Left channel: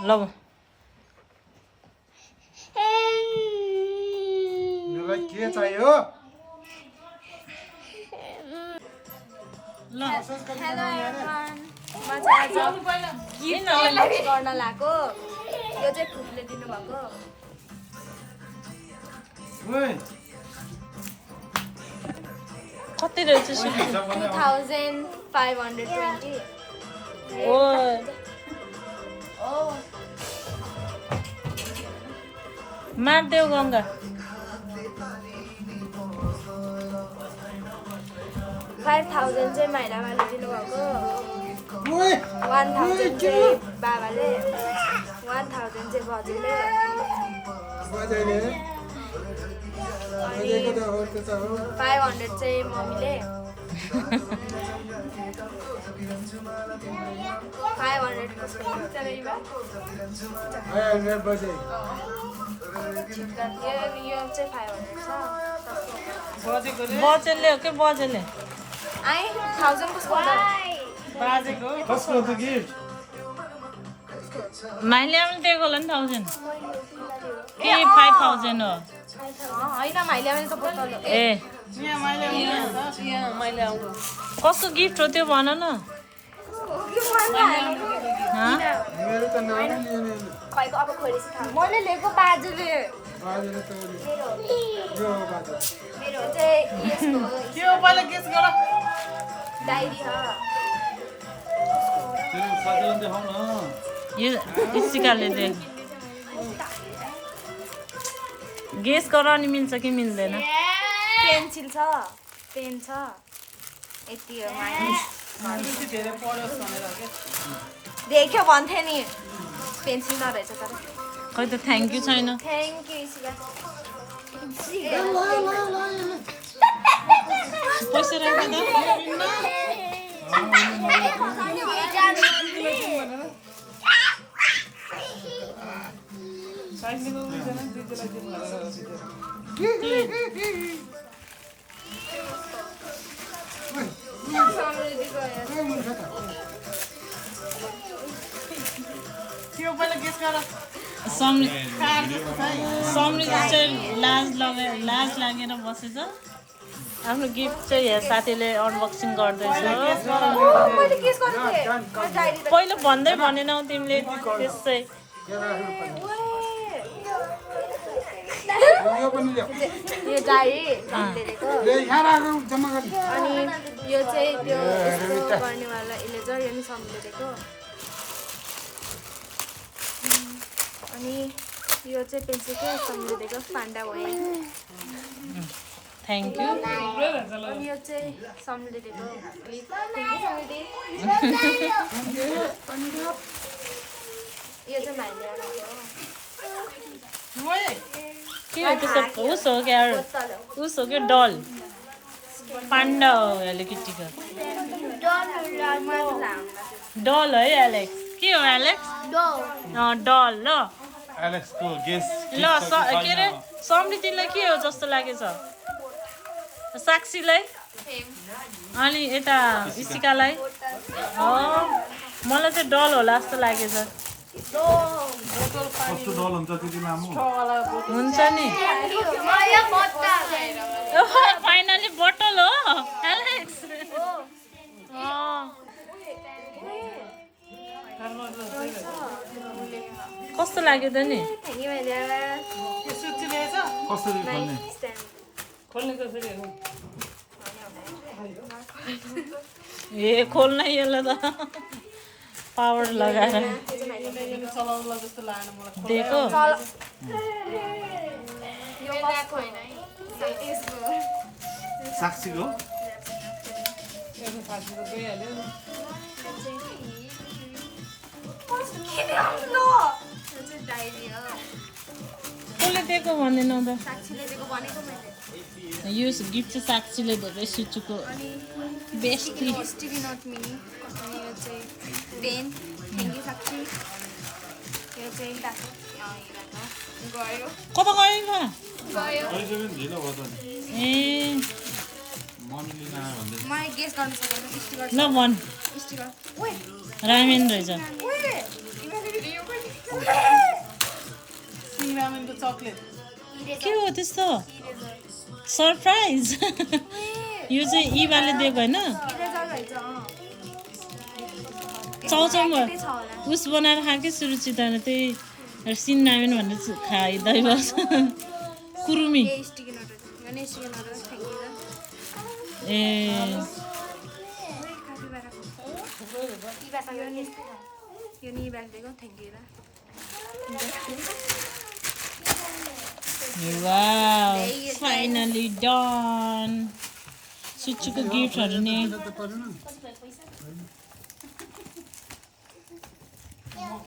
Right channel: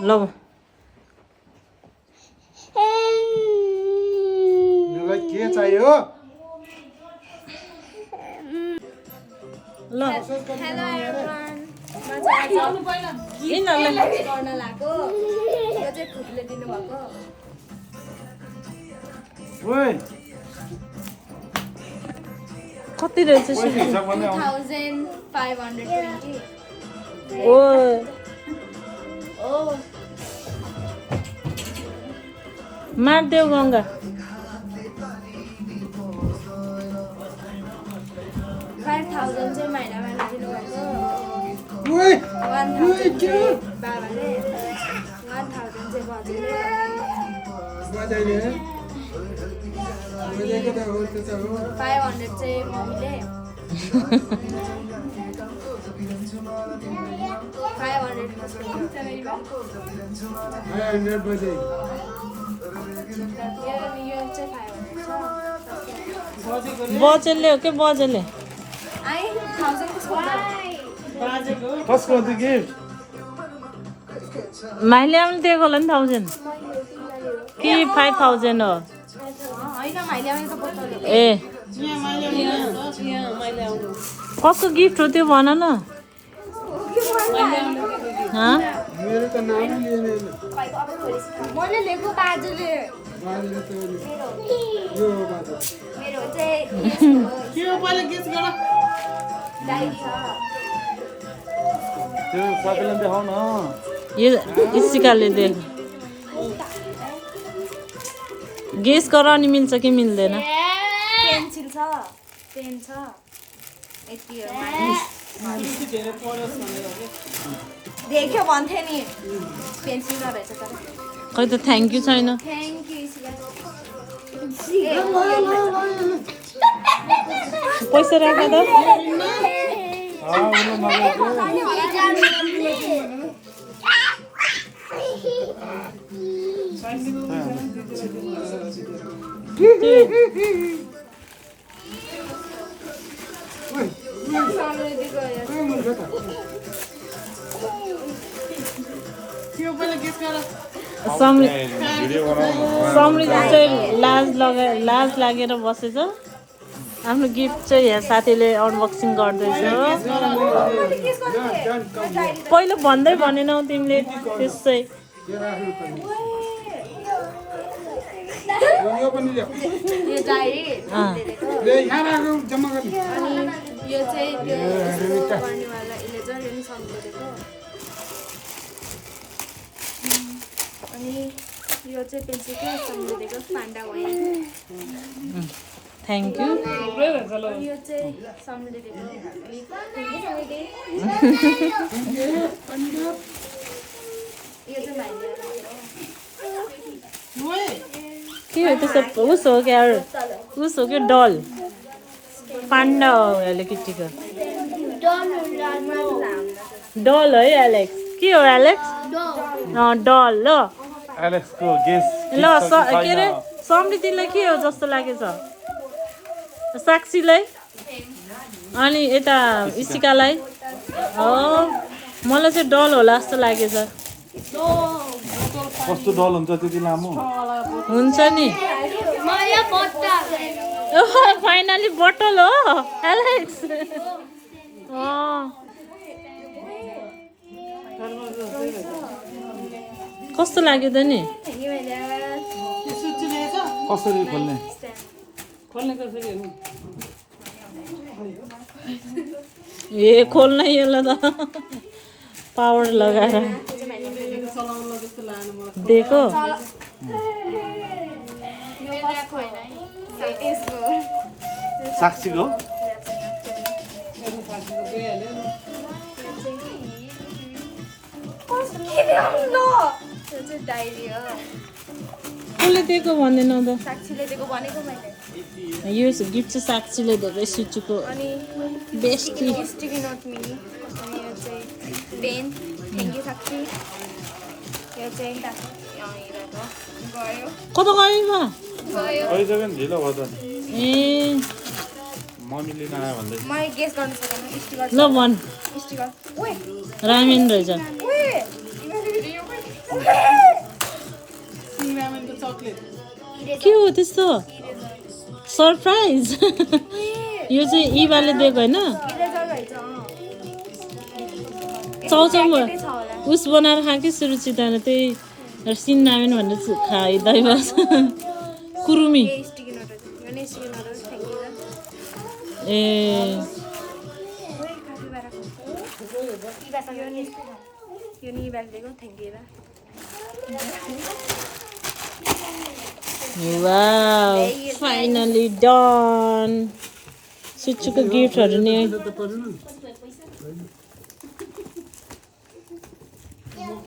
लौ मलाई के चाहियो ल हेलो एभ्रिवान म चाहिँ आज गिफ्ट अनबक्स गर्न लागेको यो चाहिँ खुदले दिनुभएको ओइ कति रहेछ 2520 ओ Oh, मार्देऊ गङ्गा 5000 चाहिँ माइलाले दिनुभएको ओइ 1000 चाहिँ बाबाले 1000 चाहिँ बजेले बजाइले बजाइको त हो त्यो त हो 500 चाहिँ मम्मीले 500 कसको गिफ्ट छ यो 500 बजाइ यो चाहिँ 500 छ बजेले हो के बजेले आई 1000 कसको होला कसको त्यो गिफ्ट माइले आउने दिएको होला नि 1000 कि 5000 हो होइन माइले आउने त बोतल हो ए कसको गिफ्ट हो त्यो भन न हँ? मेरो त नाम लिएन मैले लिएको बाजुले बाजेले त यो हो बाजे मेरो चाहिँ यसको के हो पहिला गेस गर डायरी छ त्यो साथीलाई देखाउ न यो इसिकाले दे गेस गराउनु मिल्छ कि मिल्दैन पेन्सिल छ पेन छ यति हो माइले देख्यो भन्थे नि पेन्सिल नरहेछ तर खै त थ्याङ्क यू छैन थ्याङ्क यू पैसा राख्दा त समृद्धि चाहिँ लाज लागेर बसेछ आफ्नो गिफ्ट चाहिँ यहाँ साथीले अनबक्सिङ गर्दैछ पहिला भन्दै भनेनौ तिमीले त्यसै यो राख्नु पर्ने यो पनि ल्याऊ यो डायरी दिएको ले यहाँ राख्नु जम्मा गर्ने अनि यो चाहिँ त्यो यस्तो गर्नेवाला इलेजर यो नि सम्झिदिएको अनि यो चाहिँ पेन्सिल के सम्झिदिएको पान्डा भयो थ्याङ्क यू अनि यो चाहिँ सम्झिदिएको यो चाहिँ भाइले के हो त्यसो उस हो क्या उस हो क्या डल पान्डा हो केटीको डल है एलेक्स के हो एलेक्स डल ल एलेक्सको गेस ल के अरे समृद्धिलाई के हो जस्तो लागेछ साक्षीलाई अनि यता इसिकालाई मलाई चाहिँ डल होला जस्तो लागेछ कस्तो डल हुन्छ त्यति लामो हुन्छ नि फाइनली बोतल हो एलेक्स कस्तो लाग्यो त नि कसरी खोल्ने ए खोल्न यसलाई त पावर लगाएर दिएको साक्षीको डायरी हो कसले दिएको भन्दैनौ त साक्षीले दिएको भनेको मैले यो गिफ्ट चाहिँ साक्षीले धेरै सुचुको अनि बेस्टी स्टिकी नोट मिनी अनि यो चाहिँ पेन थ्याङ्क यू साक्षी यो चाहिँ गयो कता गयो गयो ढिलो भयो त ए मम्मीले नआयो भन्दै मैले गेस गर्न सकेन स्टिकर ल भन् स्टिकर ओए रामेन रहेछ ओए के हो त्यस्तो सरप्राइज यो चाहिँ इभाले दिएको होइन चाउचाउमा उस बनाएर खा कि सुरुचिताले त्यही सिन्नामेन भनेर खाइँदै बस कुरुमी ए यो नि बालिदिएको thank you wow finally done सुचुको गिफ्टहरू नि